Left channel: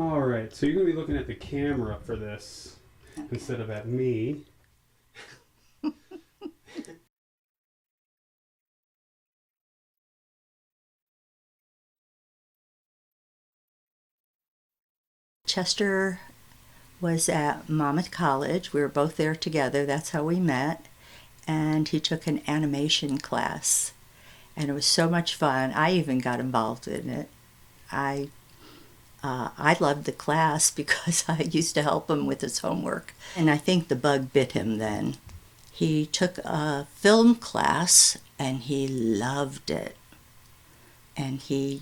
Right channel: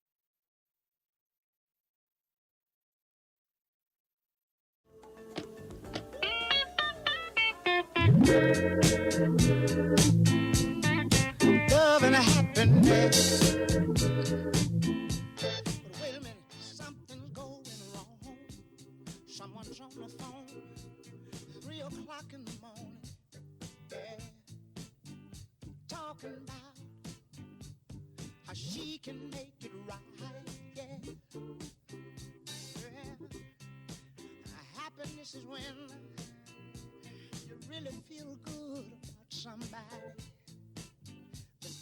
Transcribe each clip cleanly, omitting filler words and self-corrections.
All right, so you're going to be looking at the camera for this instead of at me. Love and happiness. Chester was at Monmouth College. We were both there together. That's how we met. And he took an animation class. And it was so much fun. I even got involved in it. I loved the class because I used to help him with his homework. And I think the bug bit him then. He took a film class and he loved it. And he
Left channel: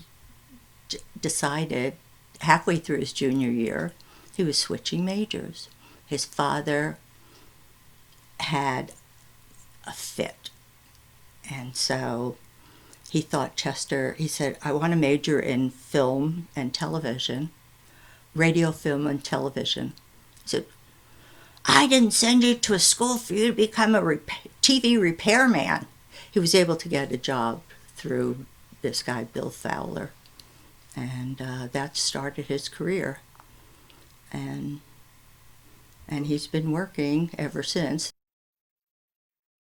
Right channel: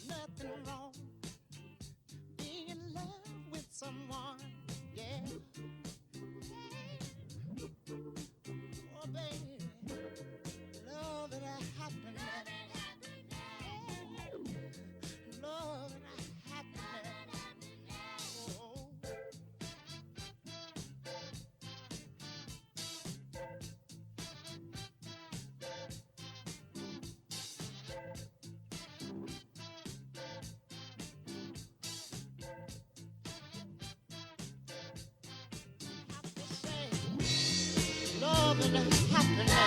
decided halfway through his junior year, he was switching majors. His father had a fit. And so he thought he said, I want to major in film and television, radio, film, and television. He said, I didn't send you to a school for you to become a TV repairman. He was able to get a job through this guy, Bill Fowler. And that started his career. And he's been working ever since. Love and happiness.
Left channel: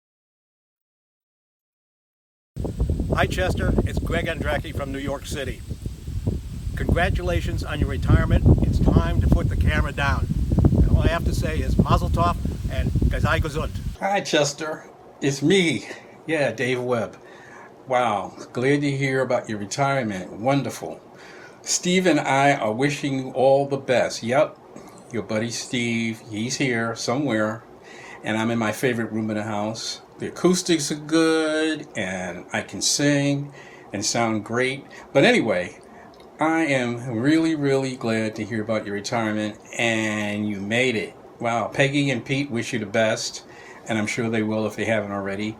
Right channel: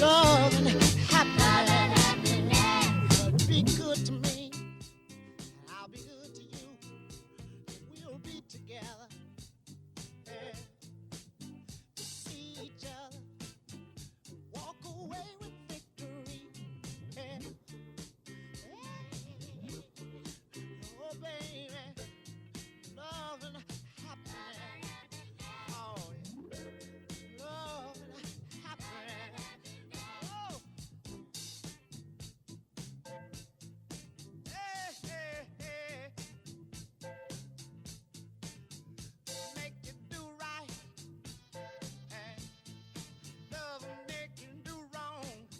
Love and happiness. Hi Chester, it's Greg Andracki from New York City. Congratulations on your retirement. It's time to put the camera down. All I have to say is Mazel Tov and sei gesund. Hi Chester, it's me. Yeah, Dave Webb. Wow, glad to hear about your retirement. Wonderful. Steve and I are wishing you all the best. Yep, your buddy Steve, he's here somewhere, and I'm in my favorite room in the house. The acoustics are good, and I can sing and sound great. But anyway, I am really, really glad to hear about your retirement, and you made it. Wow, Peggy and Pete wish you the best, and I'm sure they will if they haven't already.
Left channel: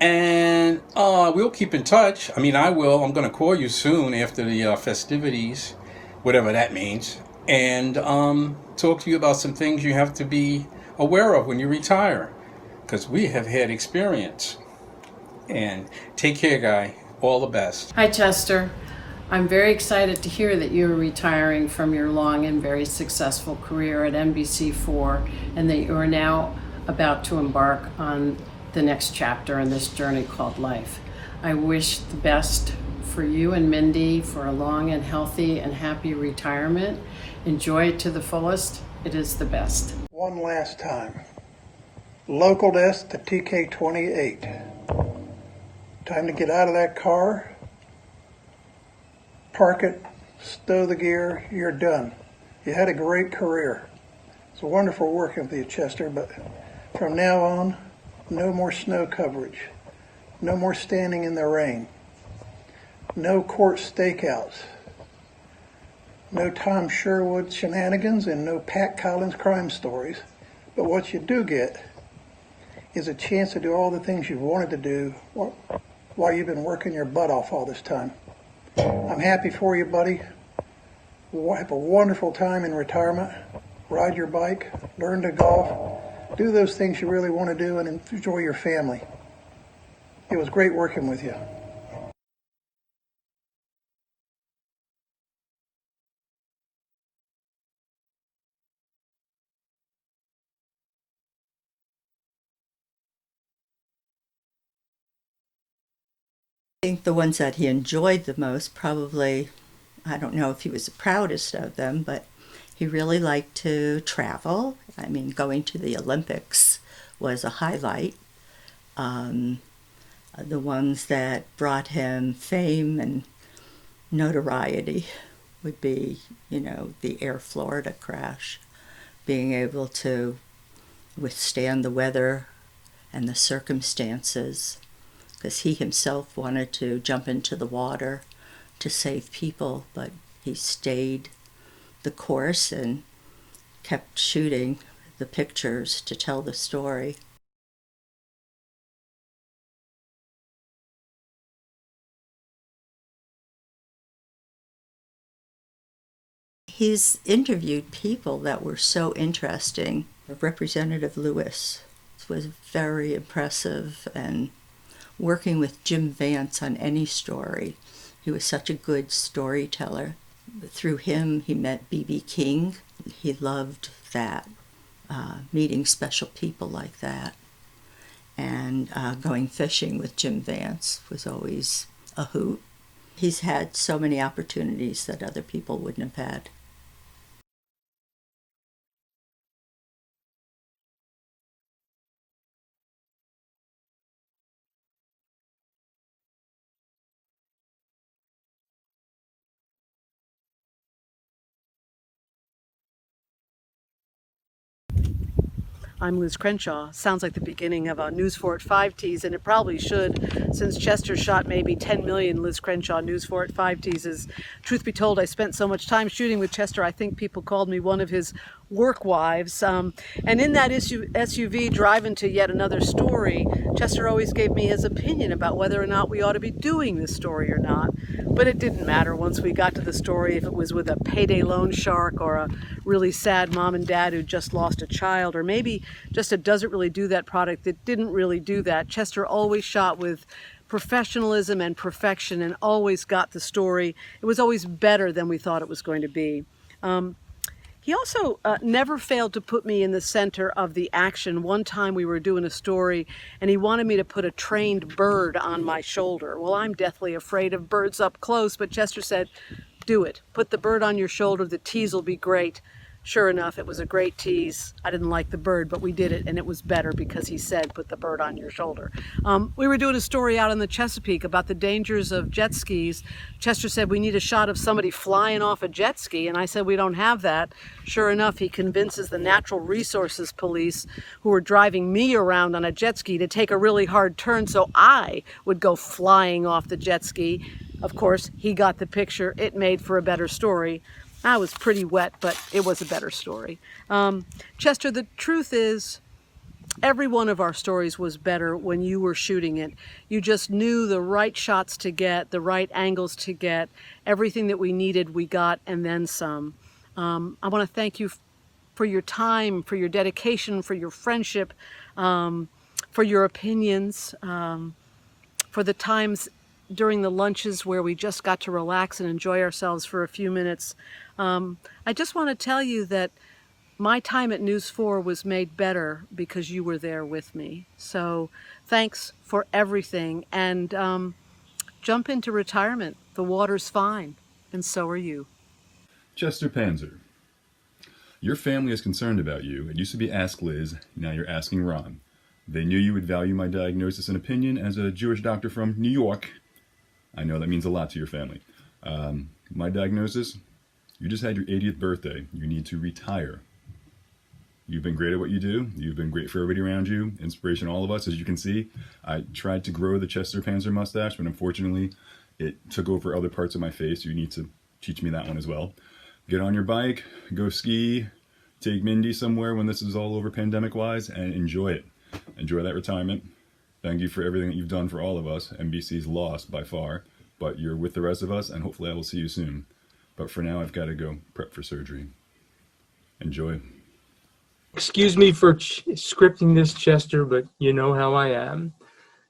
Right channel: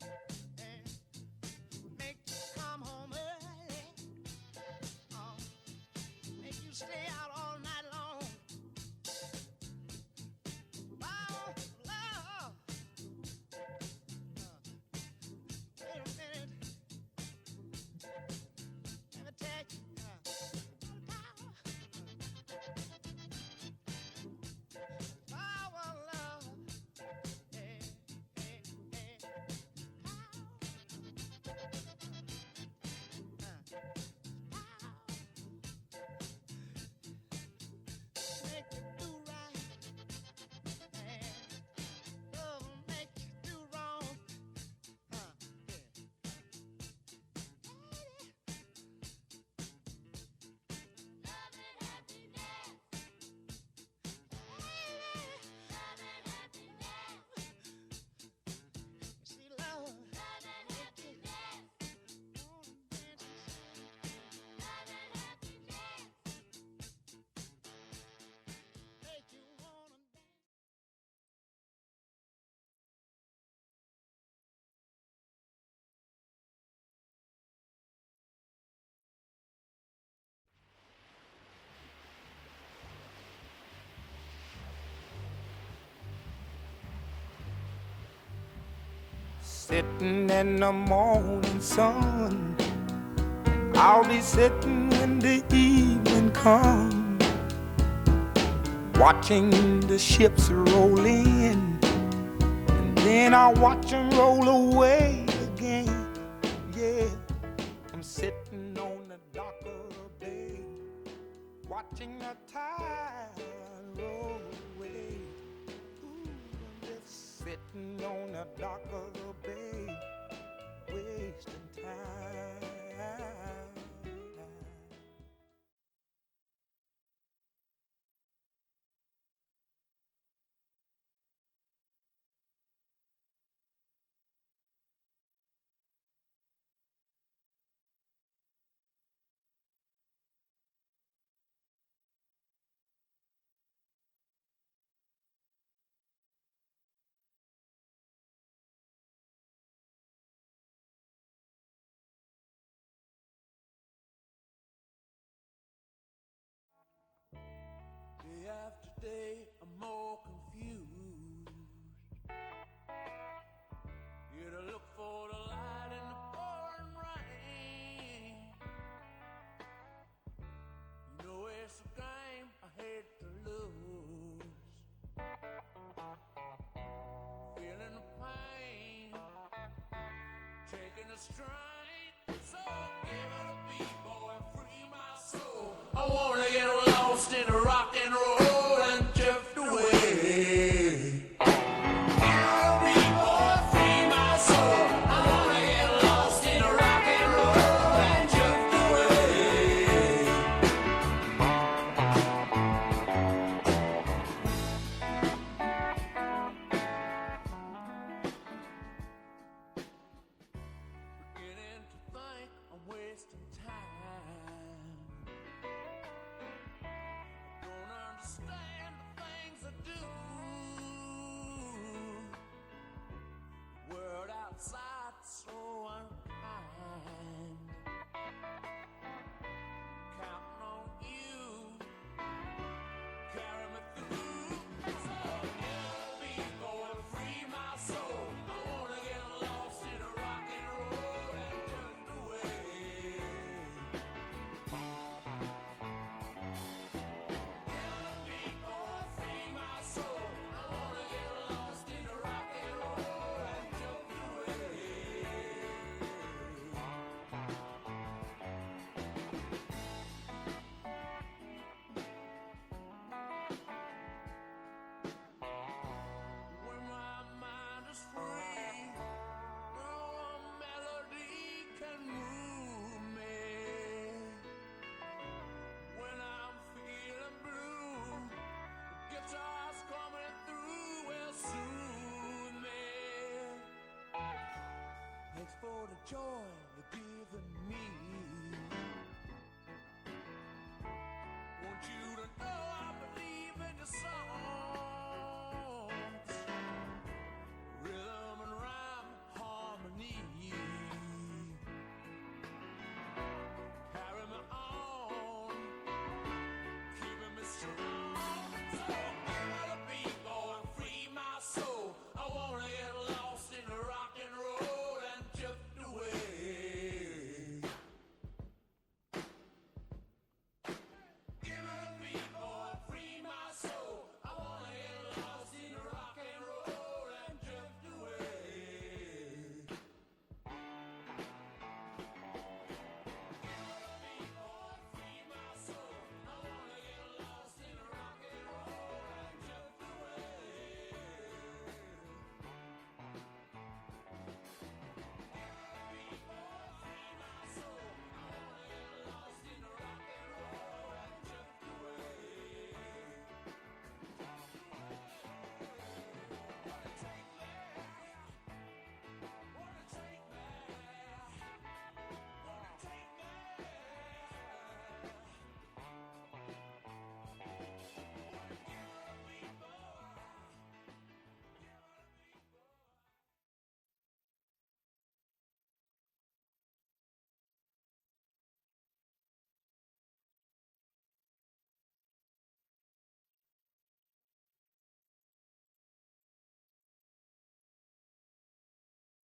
And we'll keep in touch. I mean, I will. I'm going to call you soon after the festivities, whatever that means, and talk to you about some things you have to be aware of when you retire, because we have had experience. And take care, guy. All the best. Hi, Chester. I'm very excited to hear that you're retiring from your long and very successful career at NBC4 and that you are now about to embark on the next chapter in this journey called life. I wish the best for you and Mindy for a long and healthy and happy retirement. Enjoy it to the fullest. It is the best. One last time. Local desk to TK28. Time to get out of that car, park it, stow the gear, you're done. You had a great career. It's wonderful working with you, Chester, but from now on, no more snow coverage. No more standing in the rain. No court stakeouts. No Tom Sherwood shenanigans and no Pat Collins crime stories. But what you do get is a chance to do all the things you've wanted to do while you've been working your butt off all this time. I'm happy for you, buddy. Have a wonderful time in retirement. Ride your bike, learn to golf, do those things you really want to do and enjoy your family. It was great working with you. Sun, I'll be sitting when the evening comes, watching the ships roll in, and then I'll watch them roll away again. I think the ones that he enjoyed the most, probably, I don't know if he was the proudest of them, but he really liked to travel. I mean, going to the Olympics was a highlight. The ones that brought him fame and notoriety would be, the Air Florida crash, being able to withstand the weather and the circumstances, because he himself wanted to jump into the water to save people, but he stayed the course and kept shooting the pictures to tell the story. He's interviewed people that were so interesting. Representative Lewis was very impressive, and working with Jim Vance on any story. He was such a good storyteller. Through him, he met B.B. King. He loved that, meeting special people like that. And going fishing with Jim Vance was always a hoot. He's had so many opportunities that other people wouldn't have had. I'm Liz Crenshaw. Sounds like the beginning of a News 4 at 5 tease, and it probably should, since Chester shot maybe 10 million Liz Crenshaw News 4 at 5 teases. Truth be told, I spent so much time shooting with Chester, I think people called me one of his work wives. And in that SUV driving to yet another story, Chester always gave me his opinion about whether or not we ought to be doing this story or not. But it didn't matter once we got to the story, if it was with a payday loan shark or a really sad mom and dad who just lost a child, or maybe just a doesn't really do that product that didn't really do that. Chester always shot with professionalism and perfection and always got the story. It was always better than we thought it was going to be. He also never failed to put me in the center of the action. One time we were doing a story and he wanted me to put a trained bird on my shoulder. Well, I'm deathly afraid of birds up close, but Chester said, do it. Put the bird on your shoulder, the tease will be great. Sure enough, it was a great tease. I didn't like the bird, but we did it, and it was better because he said, put the bird on your shoulder. We were doing a story out in the Chesapeake about the dangers of jet skis. Chester said, we need a shot of somebody flying off a jet ski, and I said, we don't have that. Sure enough, he convinces the Natural Resources Police, who were driving me around on a jet ski, to take a really hard turn so I would go flying off the jet ski. Of course, he got the picture. It made for a better story. I was pretty wet, but it was a better story. Chester, the truth is, every one of our stories was better when you were shooting it. You just knew the right shots to get, the right angles to get. Everything that we needed, we got, and then some. I want to thank you for your time, for your dedication, for your friendship, for your opinions, for the times during the lunches where we just got to relax and enjoy ourselves for a few minutes. I just want to tell you that my time at News 4 was made better because you were there with me. So thanks for everything, and jump into retirement. The water's fine, and so are you. Chester Panzer, your family is concerned about you. It used to be Ask Liz, now you're asking Ron. They knew you would value my diagnosis and opinion as a Jewish doctor from New York. I know that means a lot to your family. My diagnosis? You just had your 80th birthday. You need to retire. You've been great at what you do. You've been great for everybody around you. Inspiration to all of us, as you can see. I tried to grow the Chester Panzer mustache, but unfortunately, it took over other parts of my face. You need to teach me that one as well. Get on your bike, go ski, take Mindy somewhere when this is all over pandemic-wise, and enjoy it. Enjoy that retirement. Thank you for everything that you've done for all of us. NBC's lost by far, but you're with the rest of us, and hopefully I will see you soon. But for now, I've got to go prep for surgery. Enjoy. Excuse me for scripting this, Chester, but you know how I am.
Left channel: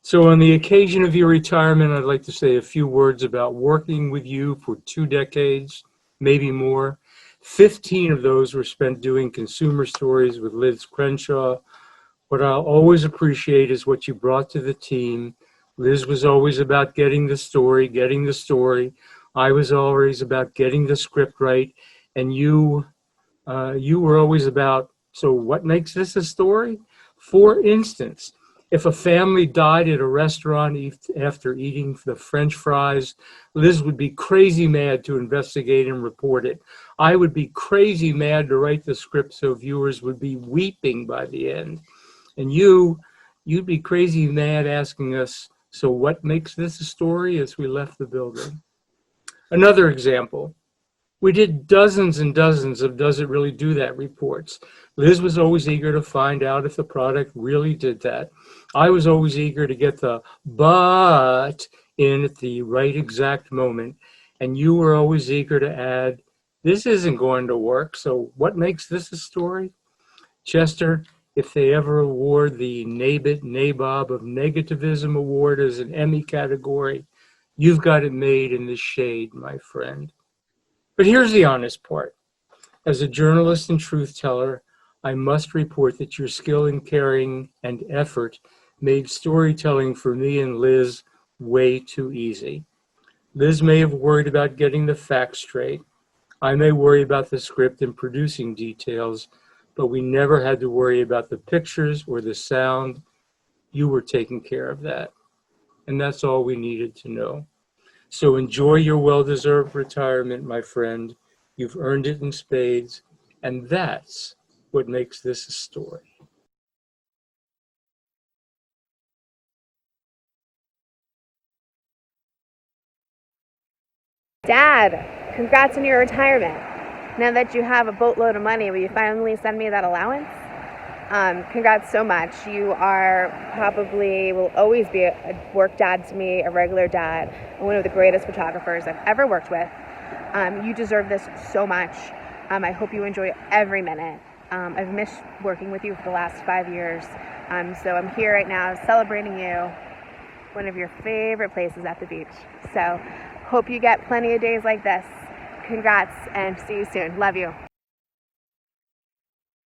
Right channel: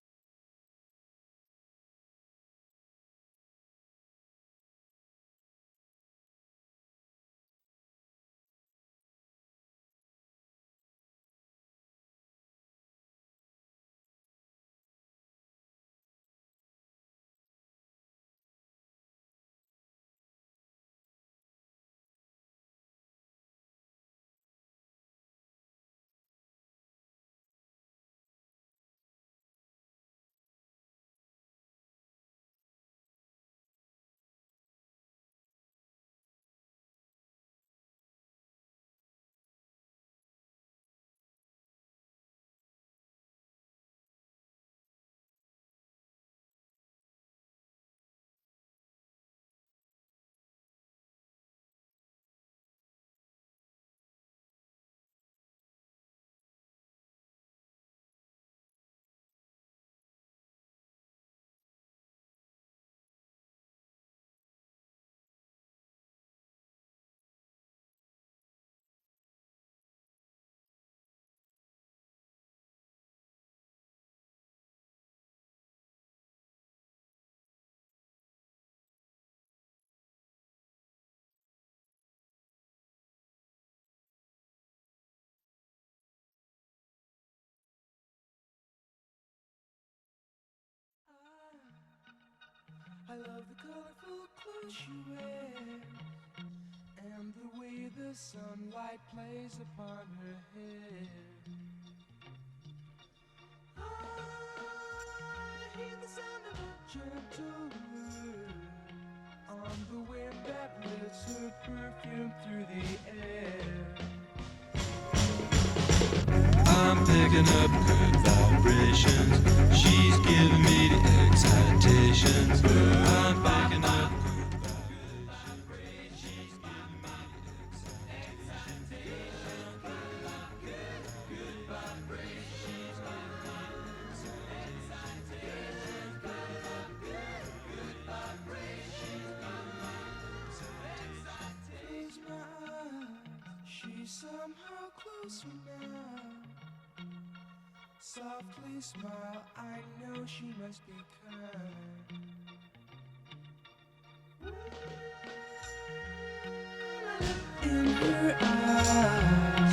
So on the occasion of your retirement, I'd like to say a few words about working with you for 2 decades, maybe more. 15 of those were spent doing consumer stories with Liz Crenshaw. What I'll always appreciate is what you brought to the team. Liz was always about getting the story. I was always about getting the script right, and you were always about, so what makes this a story? For instance, if a family died at a restaurant after eating the French fries, Liz would be crazy mad to investigate and report it. I would be crazy mad to write the script so viewers would be weeping by the end. And you'd be crazy mad asking us, so what makes this a story, as we left the building. Another example, we did dozens and dozens of Does It Really Do That reports. Liz was always eager to find out if the product really did that. I was always eager to get the but in at the right exact moment. And you were always eager to add, this isn't going to work, so what makes this a story? Chester, if they ever award the NABIT Nabob of Negativism Award as an Emmy category, You've got it made in the shade, my friend. But here's the honest part. As a journalist and truth teller, I must report that your skill in caring and effort made storytelling for me and Liz way too easy. Liz may have worried about getting the facts straight. I may worry about the script and producing details, but we never had to worry about the pictures or the sound. You were taking care of that. And that's all we needed to know. So enjoy your well-deserved retirement, my friend. You've earned it in spades, and that's what makes this a story. I'm picking up good vibrations. She's giving me the excitations. I'm picking up. Dad, congrats on your retirement. Now that you have a boatload of money, will you finally send me that allowance? Congrats so much. You are probably, will always be a work dad to me, a regular dad, and one of the greatest photographers I've ever worked with. You deserve this so much. I hope you enjoy every minute. I've missed working with you for the last 5 years. So I'm here right now celebrating you, one of your favorite places at the beach. So hope you get plenty of days like this. Congrats and see you soon. Love you.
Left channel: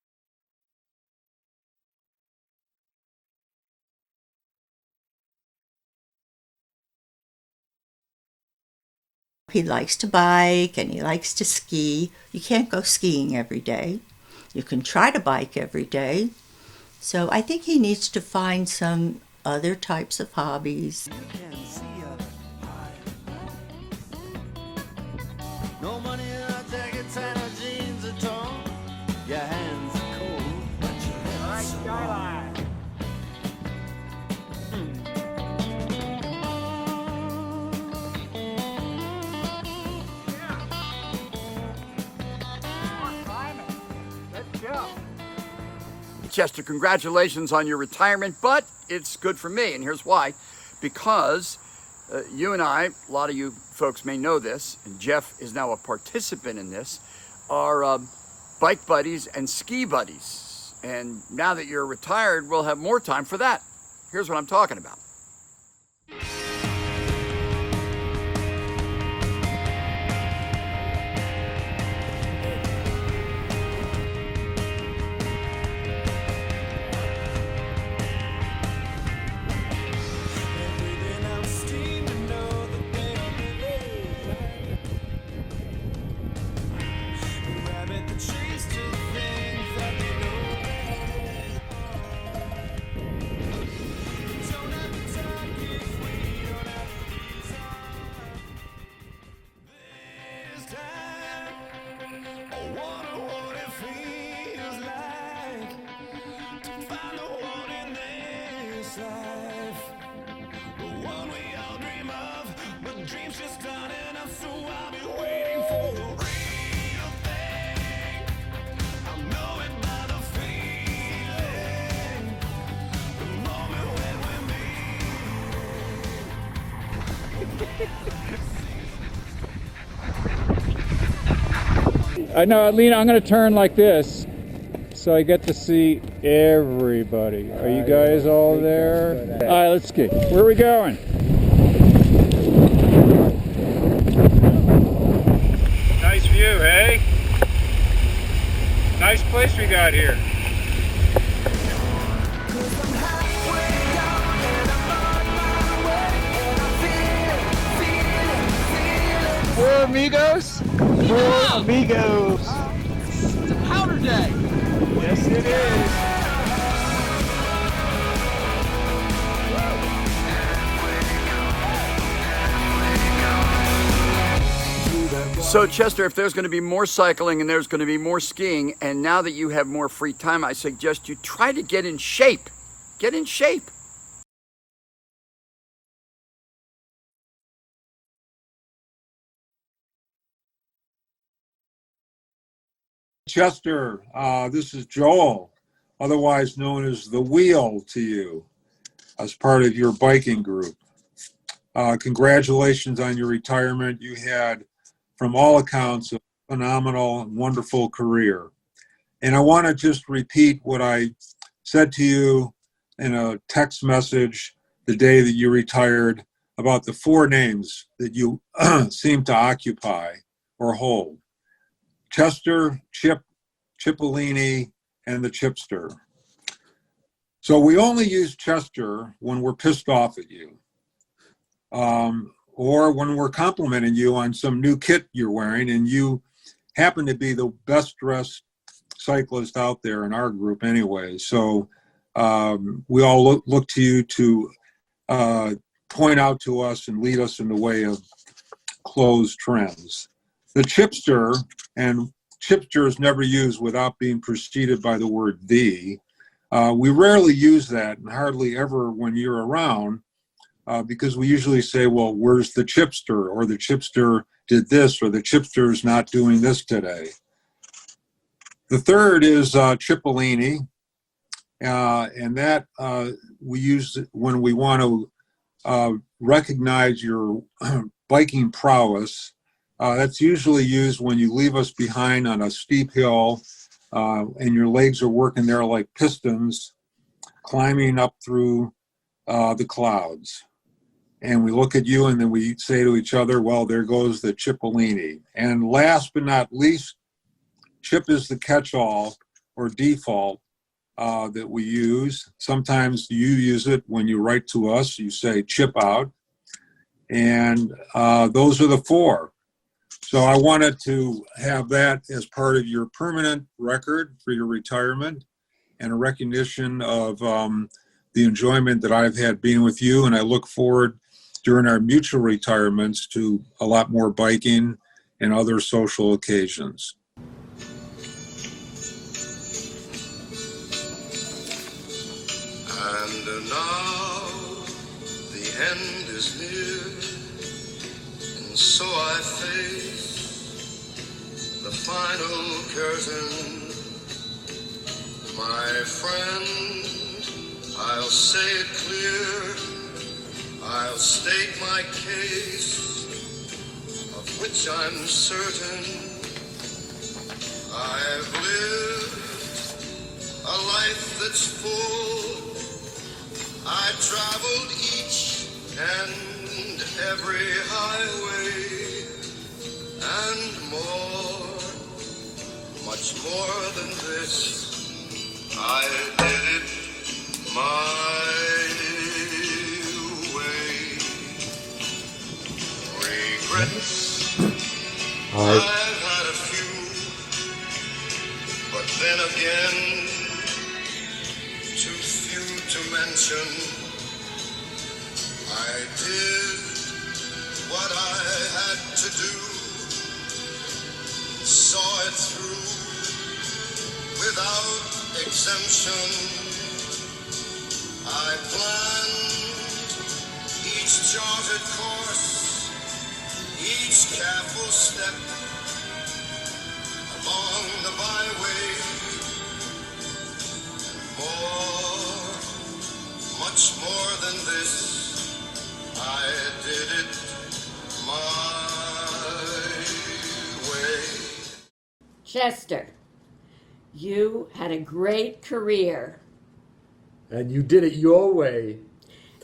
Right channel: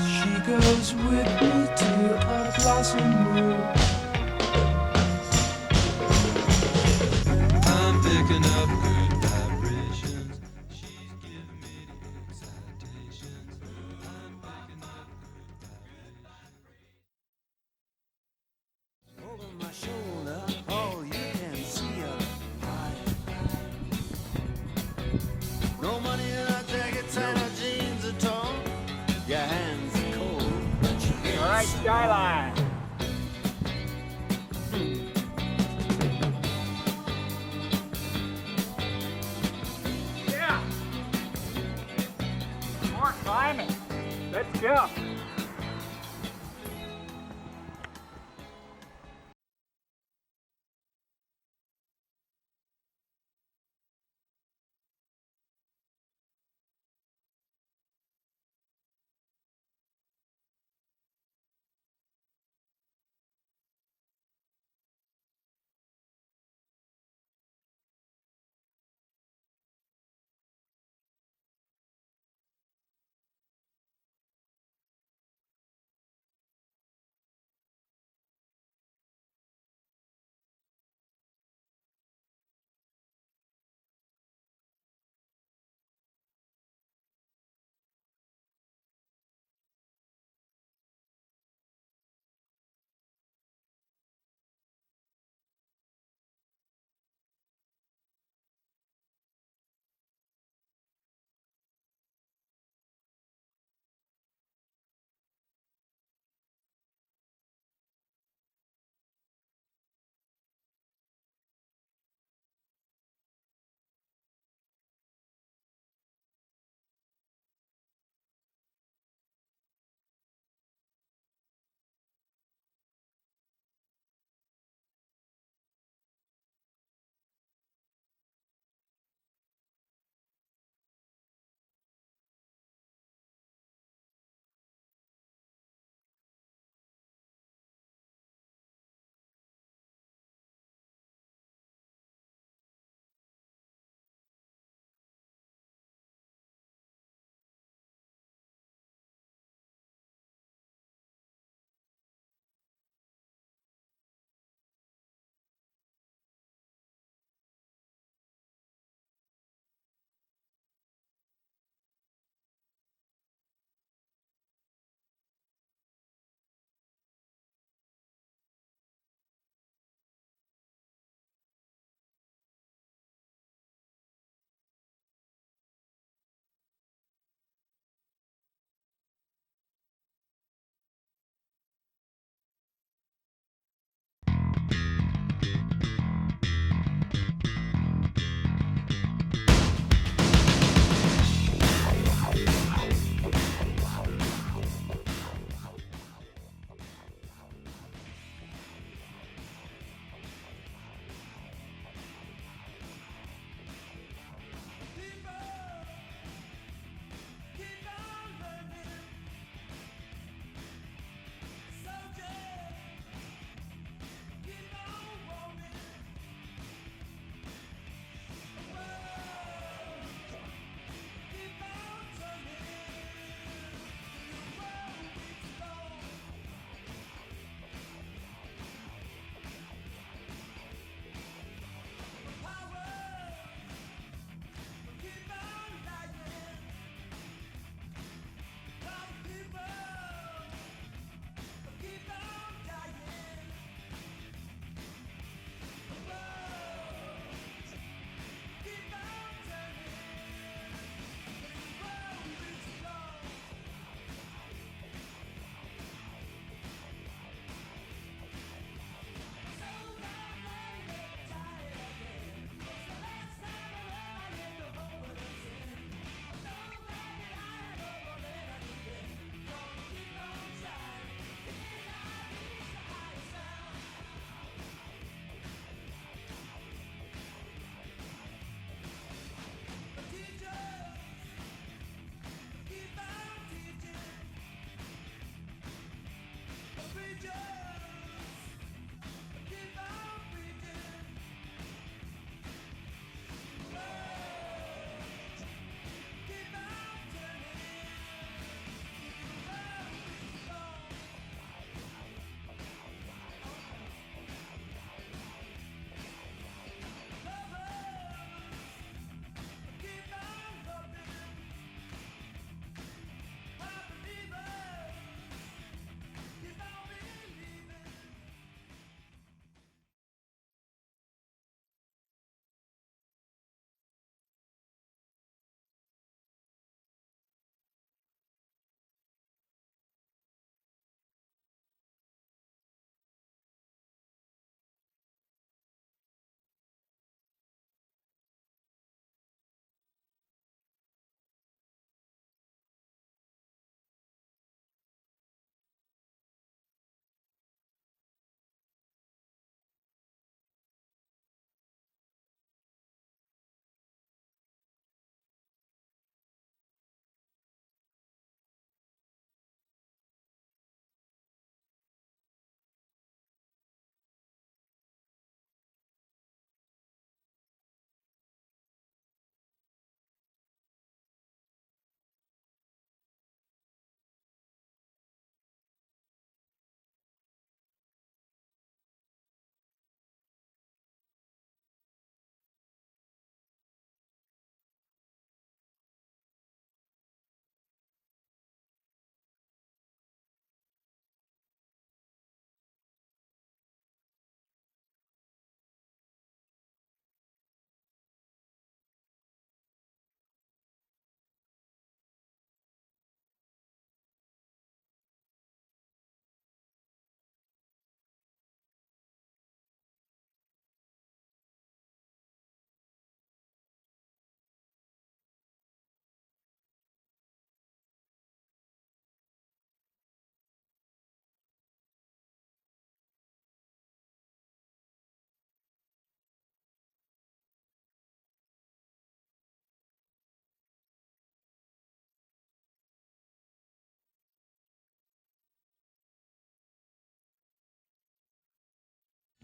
She goes with me to a blossom room. I'm picking up good. He likes to bike and he likes to ski. You can't go skiing every day. You can try to bike every day. So I think he needs to find some other types of hobbies. No money in our jackets and our jeans are torn. Your hands are cold, but you get my skyline. Let's go. Chester, congratulations on your retirement, but it's good for me, and here's why. Because you and I, a lot of you folks may know this, and Jeff is now a participant in this, are bike buddies and ski buddies. And now that you're retired, we'll have more time for that. Here's what I'm talking about. No, Lena, I'm going to turn like this so I get to see everybody. Are you guys all there? All right, let's ski. Where are we going? Nice view, hey? Nice place we got here. Four amigos? Four amigos. It's a powder day. Yes, it is. So Chester, if there's going to be more cycling and there's going to be more skiing, and now that you have more free time, I suggest you try to get in shape. Get in shape. Chester, this is Joel, otherwise known as The Wheel to you, as part of your biking group. Congratulations on your retirement. You had, from all accounts, a phenomenal and wonderful career. And I want to just repeat what I said to you in a text message the day that you retired. about the four names that you seem to occupy or hold: Chester, Chip, Cipollini, and the Chipster. So we only use Chester when we're pissed off at you, or when we're complimenting you on some new kit you're wearing and you happen to be the best dressed cyclist out there in our group anyway. So we all look to you to point out to us and lead us in the way of clothes trends. The Chipster, and Chipster is never used without being preceded by the word "the." We rarely use that, and hardly ever when you're around, because we usually say, well, where's the Chipster? Or the Chipster did this, or the Chipster's not doing this today. The third is Cipollini, and that we use when we want to recognize your biking prowess. That's usually used when you leave us behind on a steep hill and your legs are working there like pistons, climbing up through the clouds. And we look at you and then we say to each other, well, there goes the Cipollini. And last but not least, Chip is the catch-all or default that we use. Sometimes you use it when you write to us, you say chip out. And those are the four. So I wanted to have that as part of your permanent record for your retirement and a recognition of the enjoyment that I've had being with you. And I look forward during our mutual retirements to a lot more biking and other social occasions. And now the end is near, and so I face the final curtain. My friend, I'll say it clear, I'll state my case, of which I'm certain. I've lived a life that's full. I traveled each and every highway and more, much more than this. I did it my way. Regrets, I've had a few, but then again, too few to mention. I did what I had to do, saw it through without exemption. I planned each charted course, each careful step along the byway, and more, much more than this, I did it my way. Chester, you had a great career. And you did it your way.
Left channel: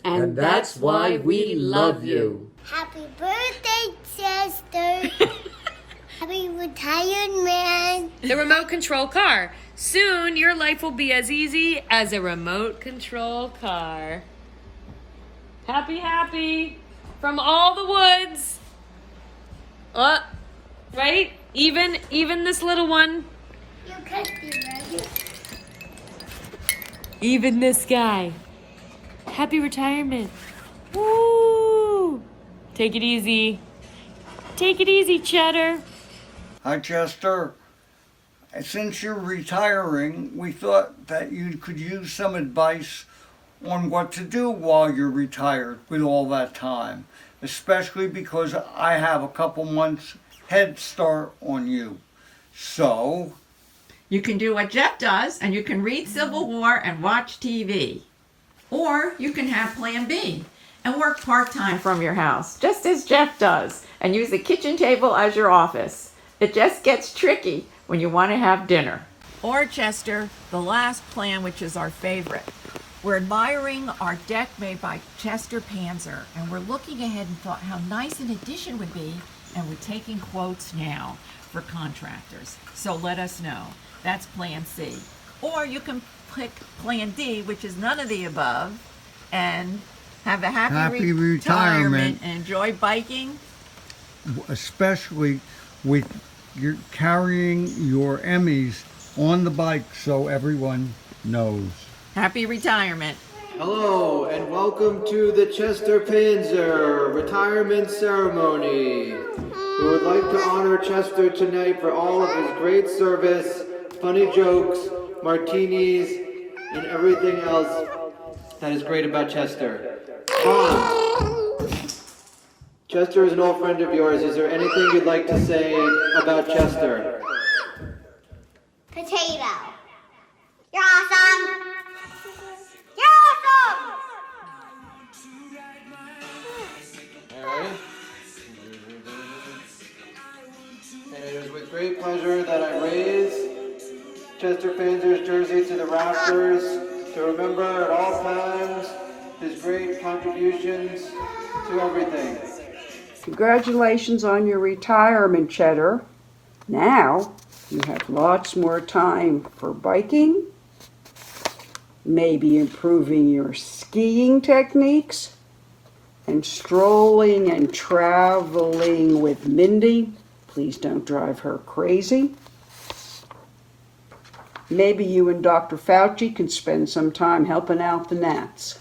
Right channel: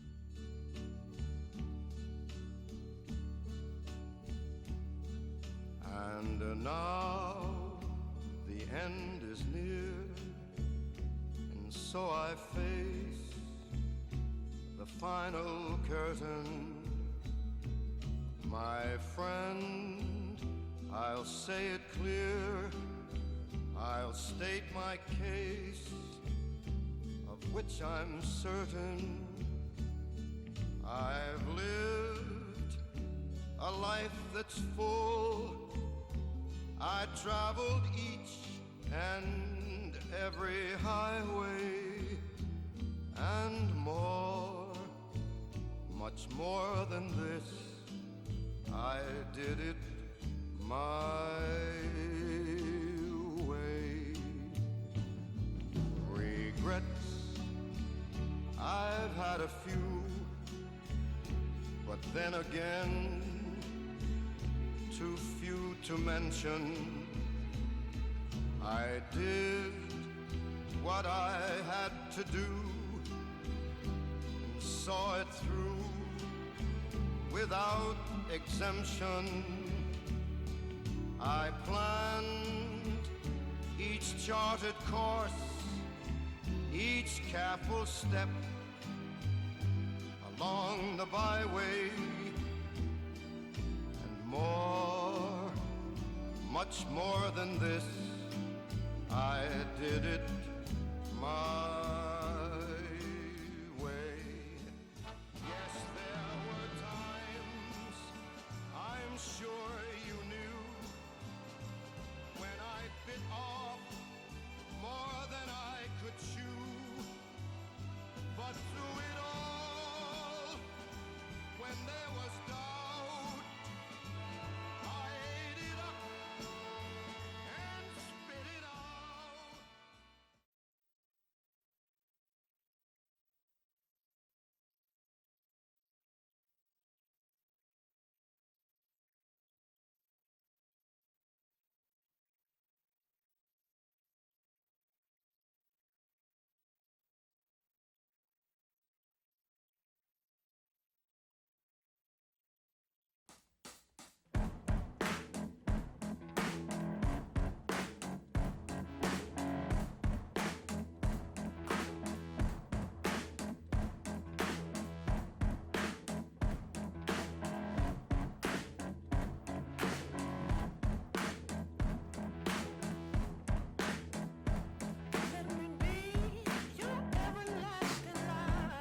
And that's why we love you. Happy birthday, Chester. Happy retirement. The remote control car. Soon your life will be as easy as a remote control car. Happy, happy from all the woods. Right? Even this little one. Even this guy. Happy retirement. Woo! Take it easy. Take it easy, Cheddar. Hi, Chester. Since you're retiring, we thought that you could use some advice on what to do while you're retired with all that time, especially because I have a couple months head start on you. So, you can do what Jeff does, and you can read Civil War and watch TV. Or you can have Plan B and work part-time from your house, just as Jeff does, and use the kitchen table as your office. It just gets tricky when you want to have dinner. Or Chester, the last plan, which is our favorite. We're admiring our deck made by Chester Panzer, and we're looking ahead and thought how nice an addition would be, and we're taking quotes now for contractors. So let us know. That's Plan C. Or you can pick Plan D, which is none of the above, and have a happy retirement and enjoy biking. Especially with you're carrying your Emmys on the bike so everyone knows. Happy retirement. Hello and welcome to the Chester Panzer retirement ceremony. We would like to honor Chester tonight for all of his great service, funny jokes, martinis, and everything else that is great about Chester. Chester is an old friend of yours. Is there anything you'd like to say about Chester? Potato. You're awesome. You're awesome. Alright. And it is with great pleasure that I raise Chester Panzer's jersey to the rafters to remember at all times his great contributions to everything. Congratulations on your retirement, Cheddar. Now you have lots more time for biking, maybe improving your skiing techniques, and strolling and traveling with Mindy. Please don't drive her crazy. Maybe you and Dr. Fauci can spend some time helping out the gnats.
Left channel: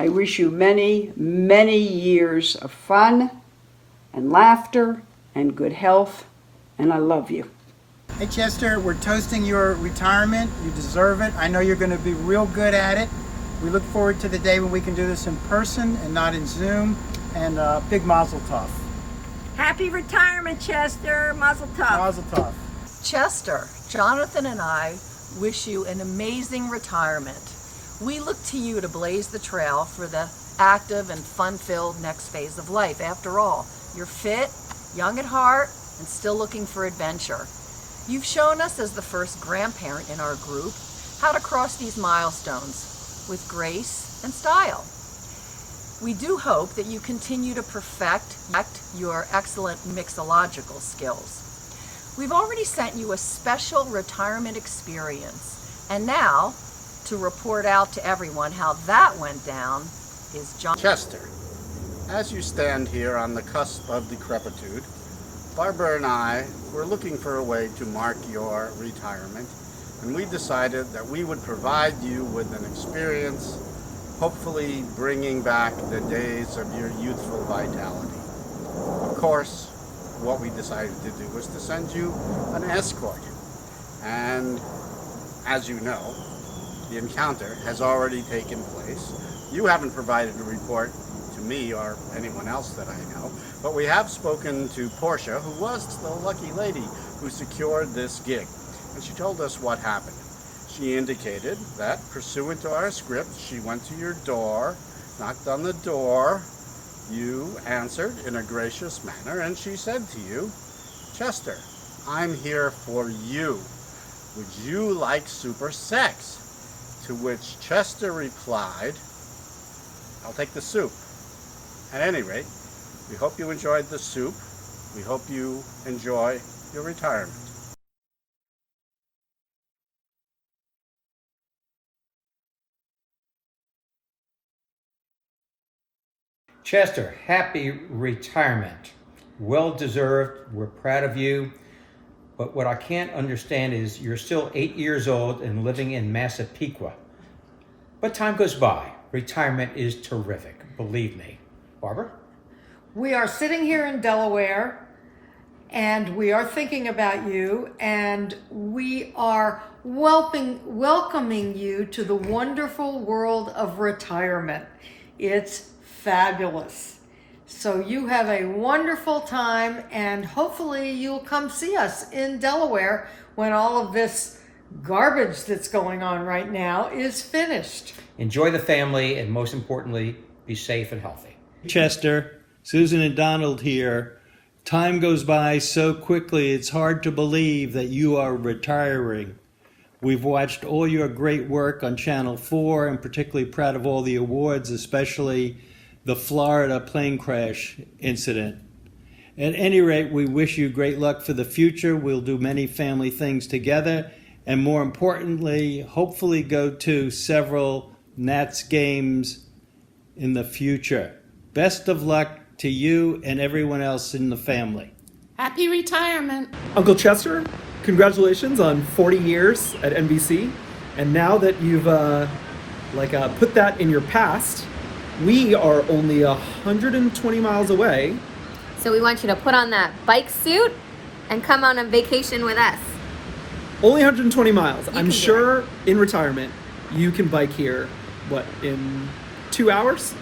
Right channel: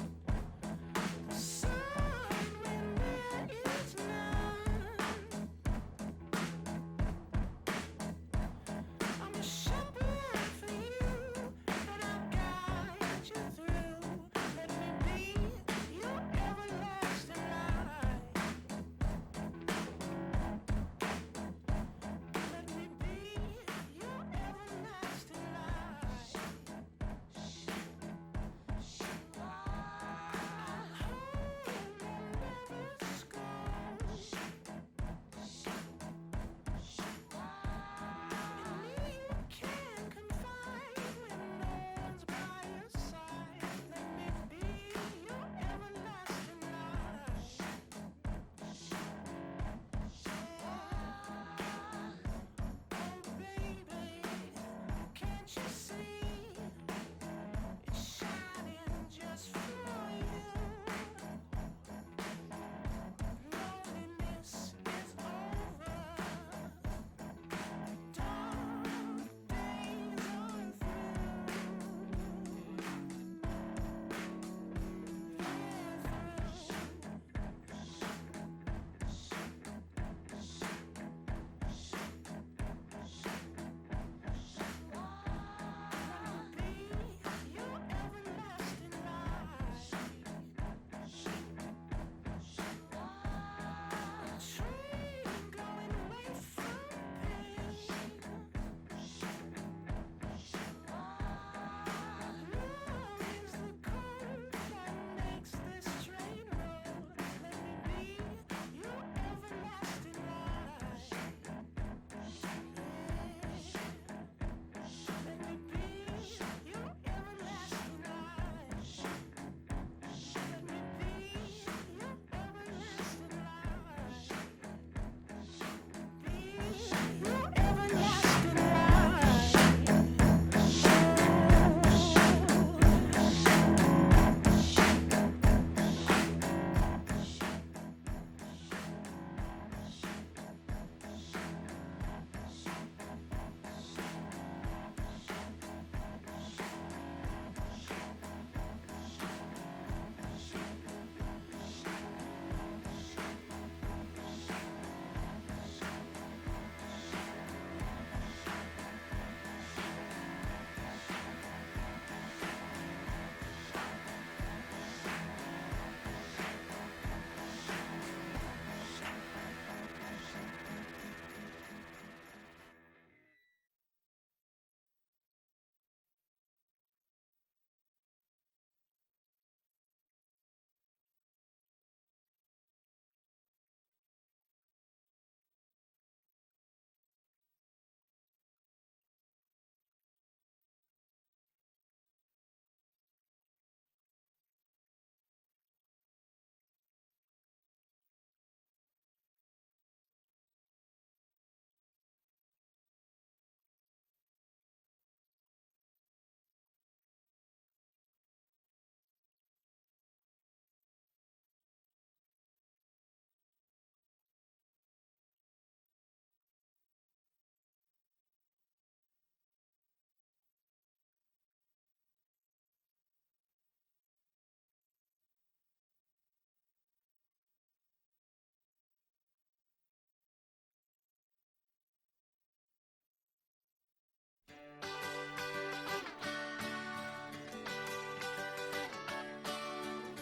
I wish you many, many years of fun and laughter and good health, and I love you. Hey Chester, we're toasting your retirement. You deserve it. I know you're going to be real good at it. We look forward to the day when we can do this in person and not in Zoom, and big mazel tov. Happy retirement, Chester. Mazel tov. Mazel tov. Chester, Jonathan and I wish you an amazing retirement. We look to you to blaze the trail for the active and fun-filled next phase of life. After all, you're fit, young at heart, and still looking for adventure. You've shown us as the first grandparent in our group how to cross these milestones with grace and style. We do hope that you continue to perfect your excellent mixological skills. We've already sent you a special retirement experience, and now, to report out to everyone how that went down is John. Chester, as you stand here on the cusp of decrepitude, Barbara and I were looking for a way to mark your retirement, and we decided that we would provide you with an experience, hopefully bringing back the days of your youthful vitality. Of course, what we decided to do was to send you an escort, and as you know, the encounter has already taken place. You haven't provided a report to me or anyone else that I know, but we have spoken to Portia, who was the lucky lady who secured this gig, and she told us what happened. She indicated that, pursuant to our script, she went to your door, knocked on the door, you answered in a gracious manner, and she said to you, Chester, I'm here for you. Would you like super sex? To which Chester replied, I'll take the soup. At any rate, we hope you enjoyed the soup. We hope you enjoy your retirement. Chester, happy retirement. Well deserved. We're proud of you. But what I can't understand is you're still 8 years old and living in Massapequa. But time goes by. Retirement is terrific, believe me. Barbara? We are sitting here in Delaware, and we are thinking about you, and we are welcoming you to the wonderful world of retirement. It's fabulous. So you have a wonderful time, and hopefully you'll come see us in Delaware when all of this garbage that's going on right now is finished. Enjoy the family, and most importantly, be safe and healthy. Chester, Susan and Donald here. Time goes by so quickly, it's hard to believe that you are retiring. We've watched all your great work on Channel 4 and particularly proud of all the awards, especially the Florida plane crash incident. At any rate, we wish you great luck for the future. We'll do many family things together, and more importantly, hopefully go to several Nats games in the future. Best of luck to you and everyone else in the family. Happy retirement. Uncle Chester, congratulations on 40 years at NBC. And now that you've put that in your past, we are only 120 miles away. So we want you to put on that bike suit and come on a vacation with us. Only 120 miles. I'm sure in retirement you can bike here, in 2 hours?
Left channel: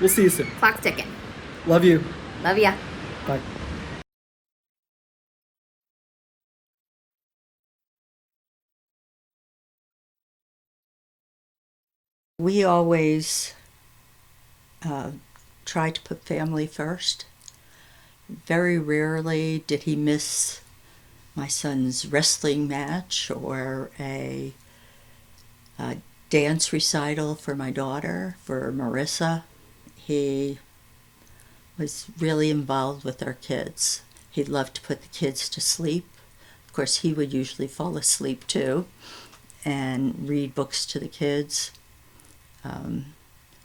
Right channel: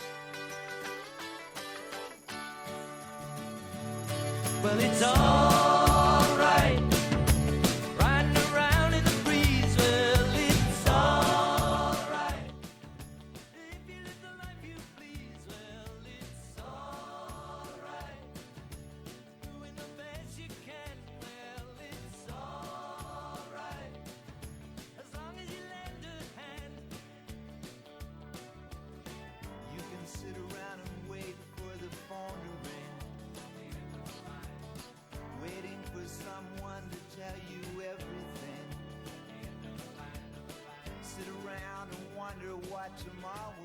We'll see you soon. Clock's ticking. Love you. Love ya. Bye. Well, it's all right. Riding around in the breeze. Well, it's all right. We always try to put family first. Very rarely did he miss my son's wrestling match or a dance recital for my daughter, for Marissa. He was really involved with our kids. He loved to put the kids to sleep. Of course, he would usually fall asleep too and read books to the kids.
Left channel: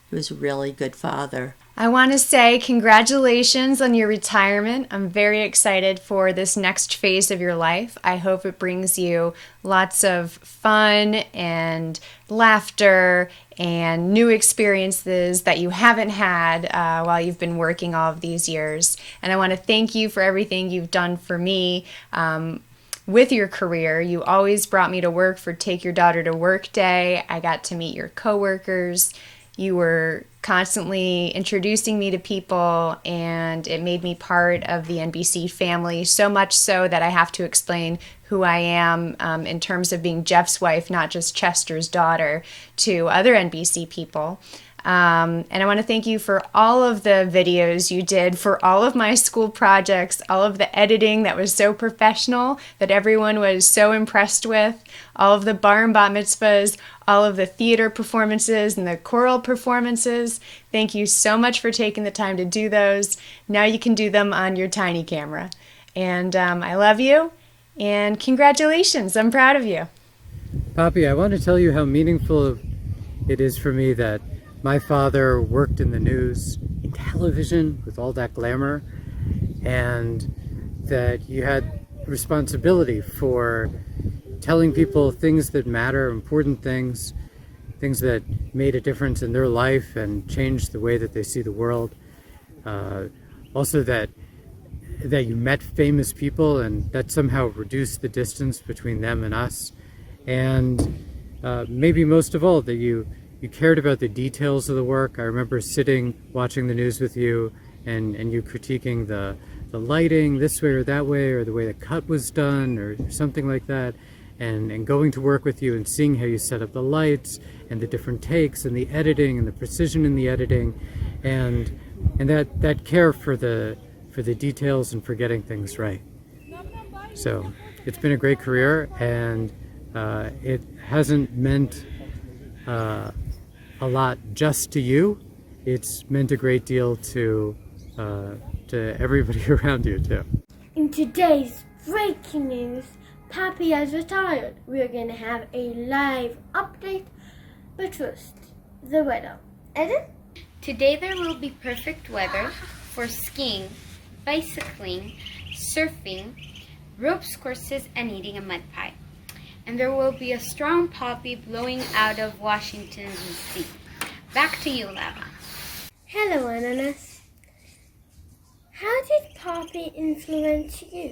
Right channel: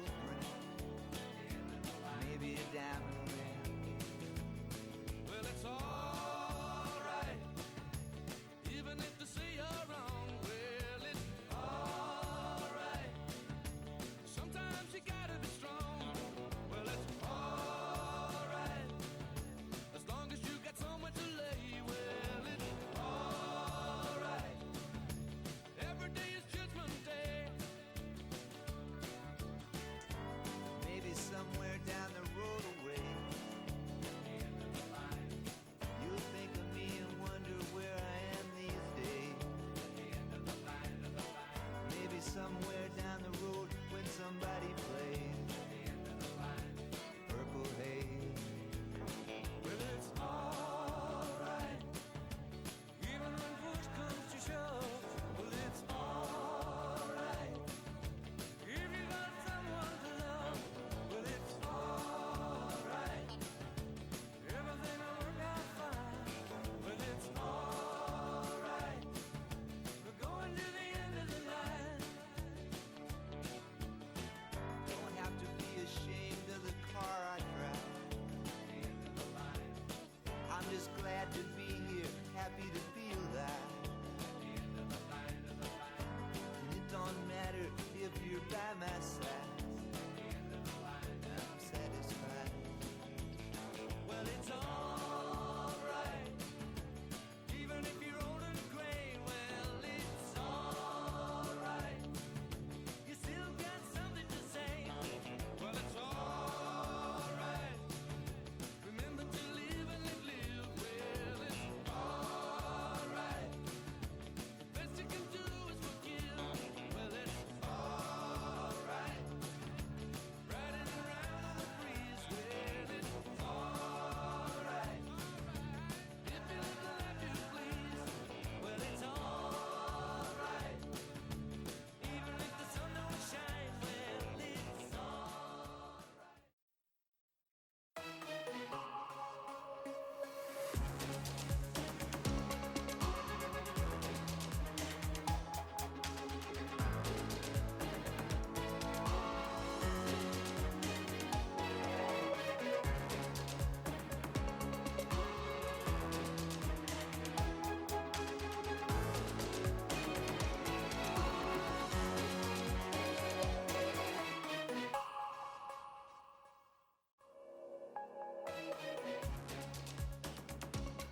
He was a really good father. I want to say congratulations on your retirement. I'm very excited for this next phase of your life. I hope it brings you lots of fun and laughter and new experiences that you haven't had while you've been working all of these years. And I want to thank you for everything you've done for me with your career. You always brought me to work for Take Your Daughter to Work Day. I got to meet your coworkers. You were constantly introducing me to people, and it made me part of the NBC family, so much so that I have to explain who I am in terms of being Jeff's wife, not just Chester's daughter, to other NBC people. And I want to thank you for all of the videos you did, for all of my school projects, all of the editing that was so professional that everyone was so impressed with, all of the bar and bat mitzvahs, all of the theater performances and the choral performances. Thank you so much for taking the time to do those. Now you can do them on your tiny camera. And I love you, and congratulations. I'm proud of you. Poppy, I want to tell you how meaningful it is for me that my father worked in the news, television, with all that glamour, and that you had responsibility for telling people things that matter, important things, things that made a difference in their life and changed the way that they see the world. Also that you met famous people and that somehow reduced the distance between them and us. And maybe most of all, that you cared about the details of the work. I remember sitting, watching the news with you, and you critiquing the lighting this way or that way, or the way the cut was done, or something like that, and going to work with you and seeing how you set up the lights, and the different takes, and the editing, and the precision in the editing, and that care for the details and for getting things right. So it's been a great career, and it hasn't meant a lot just to you. It's meant a great deal to everybody around you too. In today's breaking news, Happy has retired. We're going to have a live update, but first, the weather. Edit? Today there will be perfect weather for skiing, bicycling, surfing, ropes courses, and eating a mud pie. And there will be a strong poppy blowing out of Washington, D.C. Back to you, Lava. Hello, Ananas. How did Poppy influence you?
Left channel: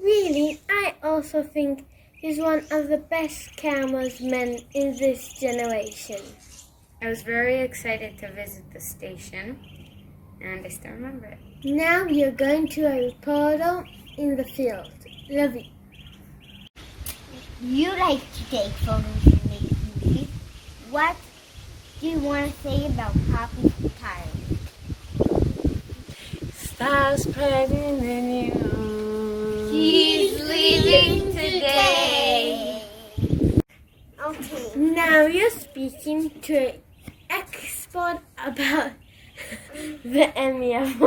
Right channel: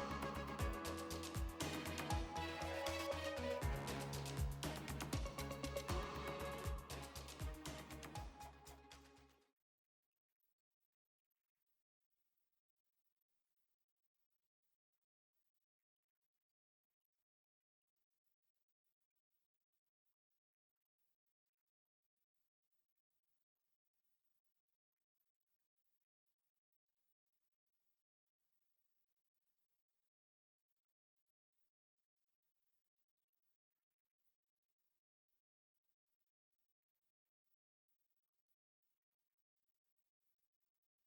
Really, I also think he's one of the best cameramen in this generation. I was very excited to visit the station, and I still remember it. Now you're going to a reporter in the field. Love you. You like to take photos and make movies. What do you want to say about Poppy's retirement? fast pregnant than you. She's leaving today. Okay, now you're speaking to an expert about the MEF.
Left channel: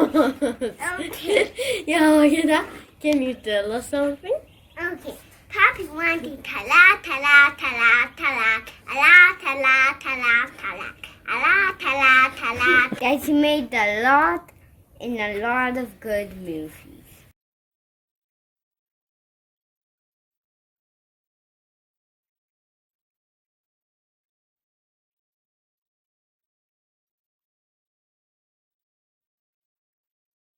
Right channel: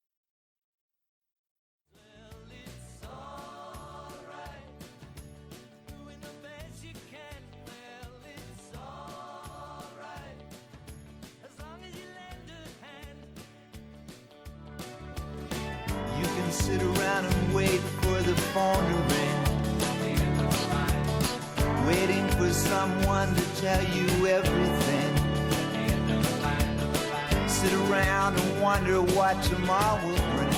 Okay. Yeah, look at that. Can you tell us something? Okay. Happy wanting tala tala tala tala tala tala tala tala tala tala tala. Guys, he made a lot and a lot of good news. Sit around and wait for the phone to ring, waiting for someone to tell you everything. Sit around and wonder what tomorrow will bring.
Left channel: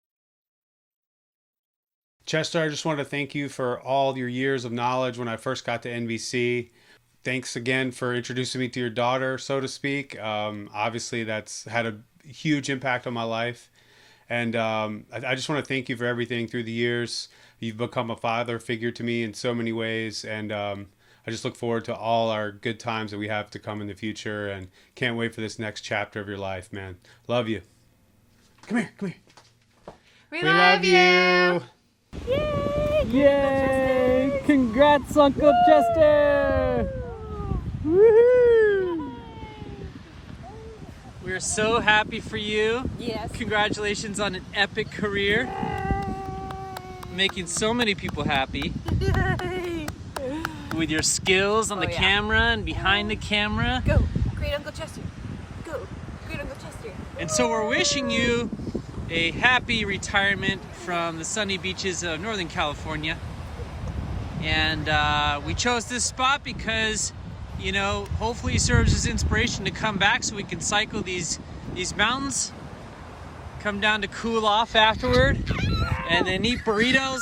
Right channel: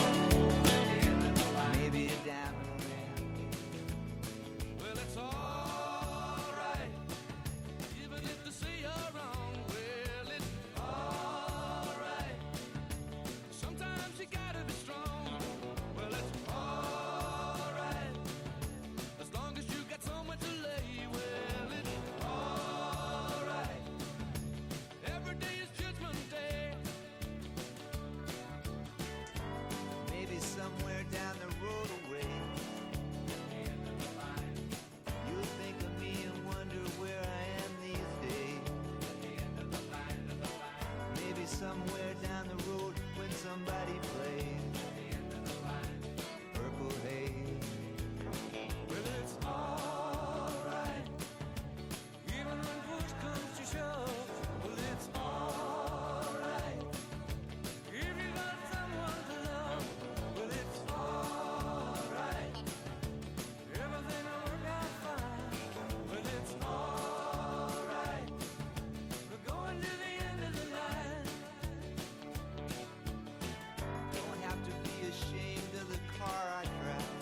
Chester, I just want to thank you for all your years of knowledge when I first got to NBC. Thanks again for introducing me to your daughter, so to speak. Obviously, that's had a huge impact on my life. And I just want to thank you for everything through the years. You've become a father figure to me in so many ways. And I just look forward to all our good times that we have to come in the future. And can't wait for this next chapter of your life, man. Love you. Come here, come here. We love you. Yay! Yay! Congrats, Uncle Chester! Woohoo! We're so happy for you. Yes. Congratulations on an epic career. Making so many people happy. Yay! With your skills on the camera and behind the camera. Go, great Uncle Chester. Go, great Uncle Chester. And so we're wishing you a happy retirement from the sunny beaches of Northern California. And we chose this spot because, you know, hopefully it serves as inspiration to come back so we can cycle these mountains, come down to cool off afterward, and then eat burritos,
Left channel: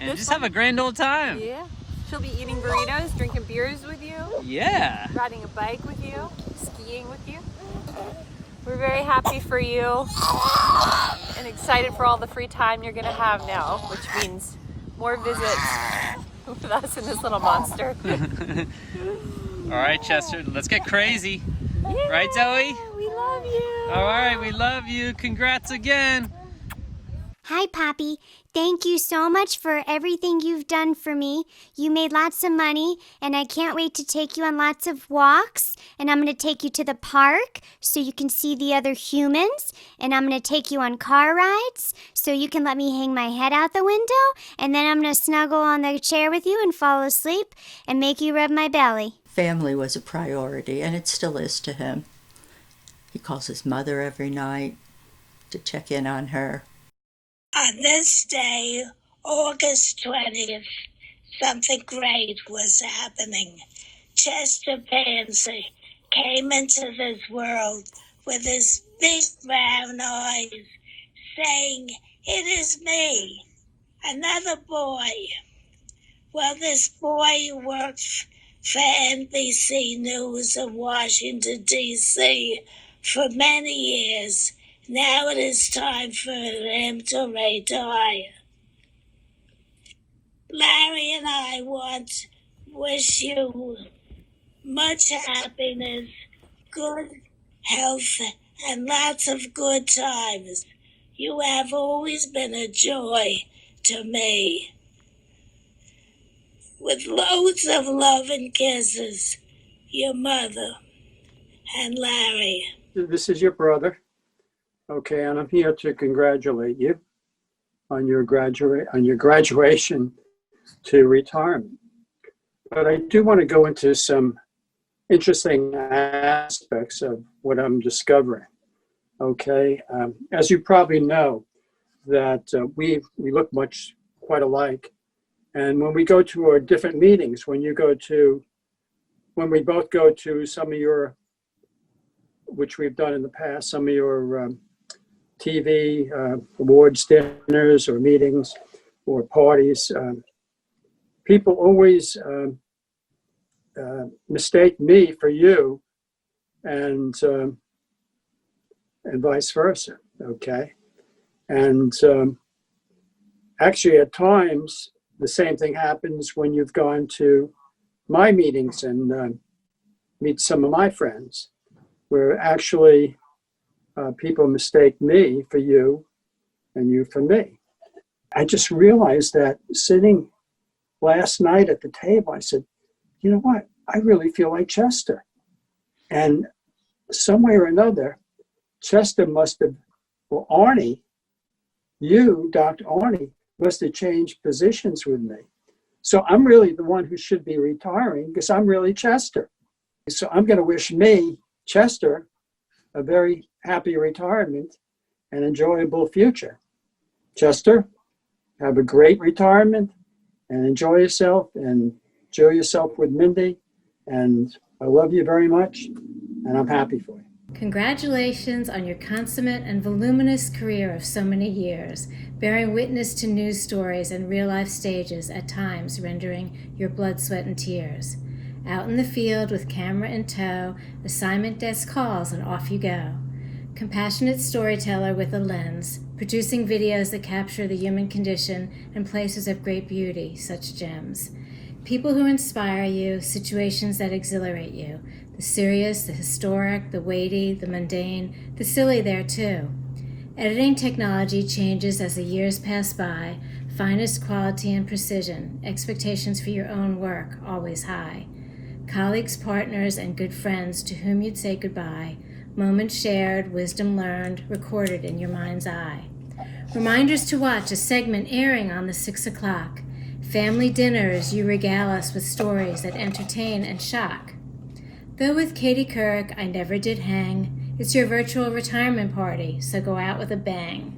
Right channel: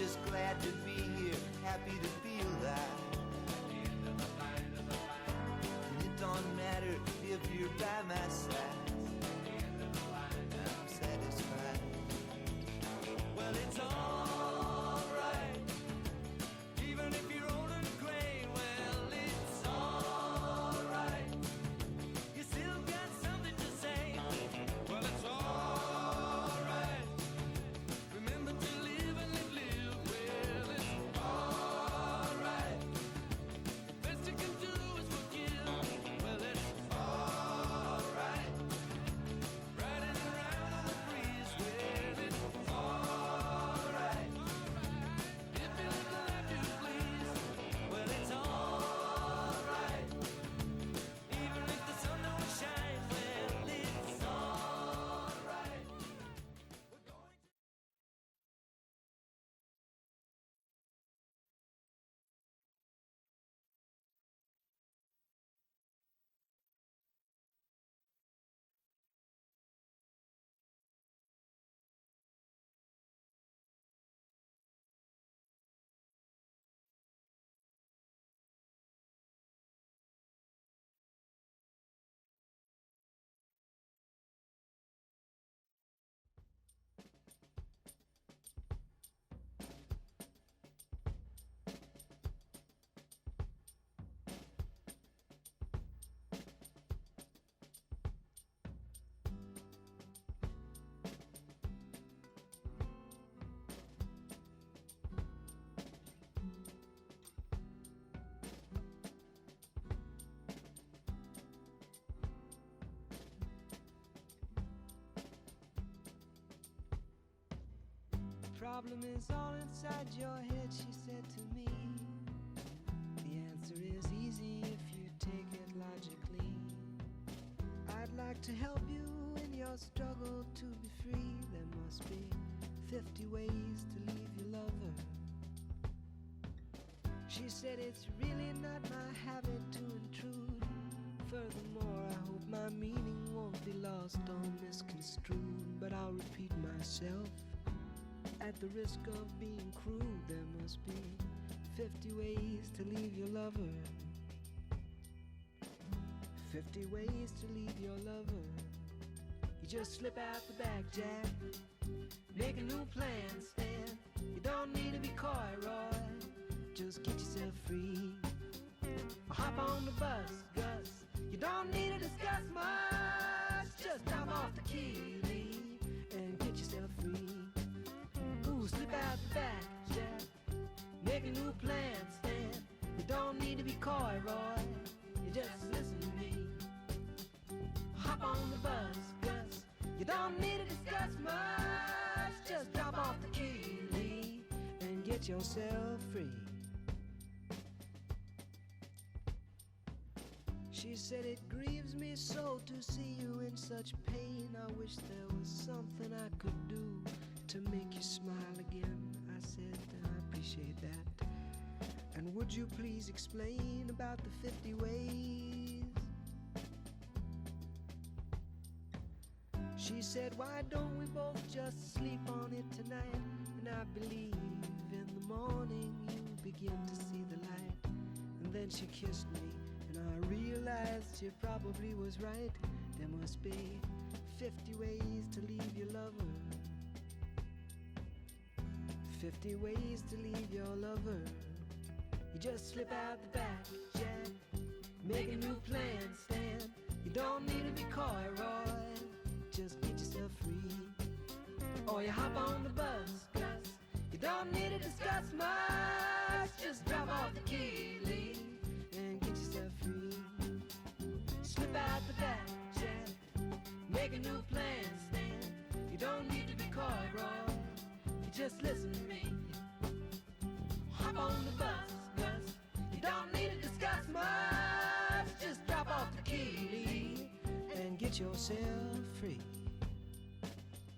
and just have a grand old time. Yeah. She'll be eating burritos, drinking beers with you. Yeah. Riding a bike with you, skiing with you. We're very happy for you and excited for all the free time you're gonna have now, which means more visits with us and this little monster. All right, Chester, let's get crazy. Yay, right, Zoe? We love you. All right, we love you. Congrats again. Hi, Poppy. Thank you so much for everything you've done for me. You made lots of money, and I can't wait to take you on lots of walks. And I'm going to take you to the park so you can see the other humans. And I'm going to take you on car rides so you can let me hang my head out the window. And then I'm going to snuggle on the chair with you and fall asleep and make you rub my belly. Family was a priority, and it still is to him. He calls his mother every night to check in on her. On this day, August 20th, something great was happening. Chester Panzer came into this world with his big brown eyes, saying, "It is me, another boy." Well, this boy worked for NBC News in Washington, D.C. for many years. Now it is time for him to retire. Larry and I wish you much happiness, good health, and lots of good times. You have always been a joy to me. With loads of love and kisses, your mother and Larry. This is your brother. Okay, and I'm here to congratulate you on your graduation to retirement. But I do want to go into some interesting aspects of what I'm discovering. Okay, as you probably know, that we look quite alike, and when we go to our different meetings, when we both go to some of your, which we've done in the past, some of your TV awards dinners or meetings or parties, people always mistake me for you, and vice versa. Okay, and actually at times the same thing happens when you've gone to my meetings and meet some of my friends, where actually people mistake me for you and you for me. I just realized that sitting last night at the table, I said, you know what? I really feel like Chester. And some way or another, Chester must have, well, Arnie, you, Dr. Arnie, must have changed positions with me. So I'm really the one who should be retiring because I'm really Chester. So I'm going to wish me, Chester, a very happy retirement and enjoyable future. Chester, have a great retirement and enjoy yourself and enjoy yourself with Mindy. And I love you very much and I'm happy for you. Congratulations on your consummate and voluminous career of so many years, bearing witness to news stories and real-life stages, at times rendering your blood, sweat, and tears. Out in the field with camera in tow, assignment desk calls, and off you go. Compassionate storyteller with a lens, producing videos that capture the human condition and places of great beauty, such gems. People who inspire you, situations that exhilarate you. The serious, the historic, the weighty, the mundane, the silly there too. Editing technology changes as the years pass by. Finest quality and precision. Expectations for your own work, always high. Colleagues, partners, and good friends to whom you'd say goodbye. Moments shared, wisdom learned, recorded in your mind's eye. Reminders to watch a segment airing on the 6 o'clock. Family dinners, you regale us with stories that entertain and shock. Though with Katie Couric I never did hang, it's your virtual retirement party, so go out with a bang.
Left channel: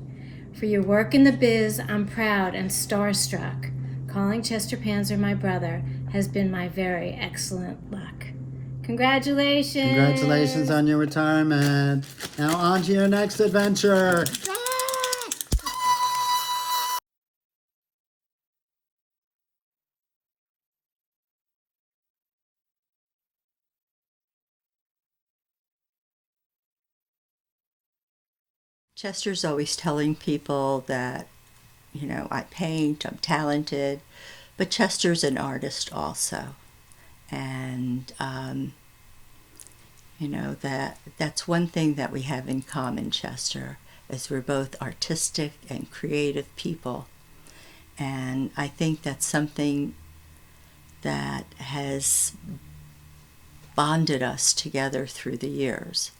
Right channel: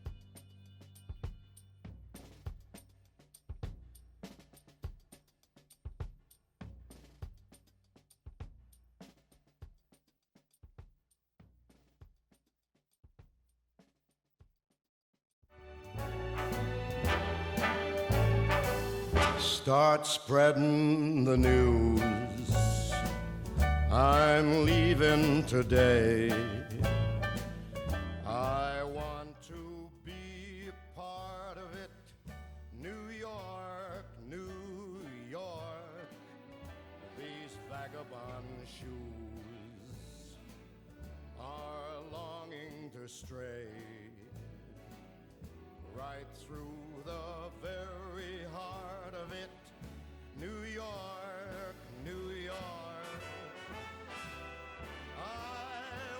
For your work in the biz, I'm proud and starstruck. Calling Chester Panzer my brother has been my very excellent luck. Congratulations! Congratulations on your retirement. Now on to your next adventure. Start spreading the news. I'm leaving today. Chester's always telling people that, you know, I paint, I'm talented, but Chester's an artist also. And, you know, that's one thing that we have in common, Chester, is we're both artistic and creative people. And I think that's something that has bonded us together through the years.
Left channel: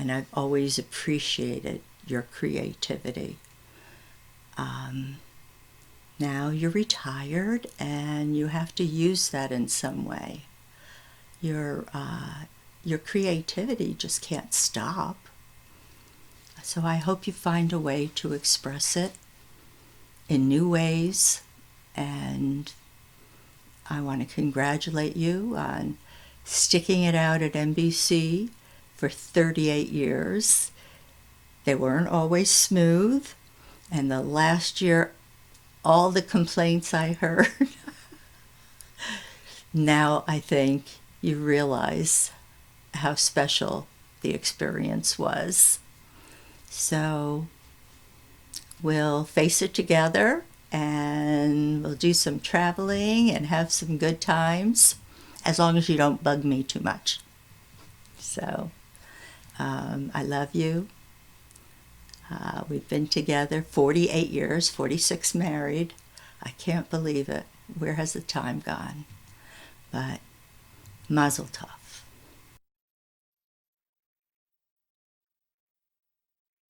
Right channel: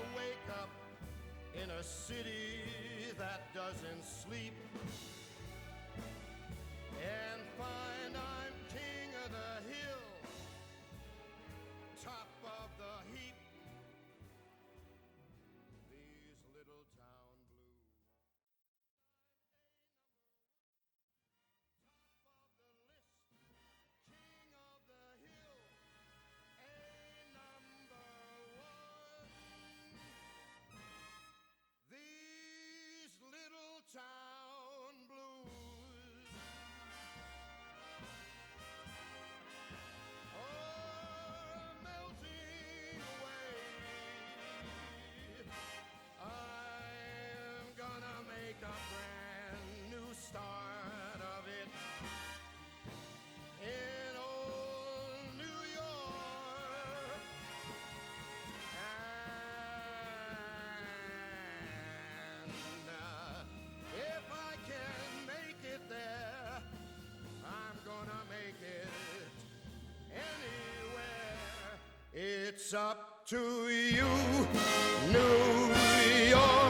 And I've always appreciated your creativity. Now you're retired and you have to use that in some way. Your creativity just can't stop. So I hope you find a way to express it in new ways, and I want to congratulate you on sticking it out at NBC for 38 years. They weren't always smooth, and the last year, all the complaints I heard, now I think you realize how special the experience was. So we'll face it together and we'll do some traveling and have some good times, as long as you don't bug me too much. So I love you. We've been together 48 years, 46 married. I can't believe it. Where has the time gone? But mazel tov. It's up to you, New York.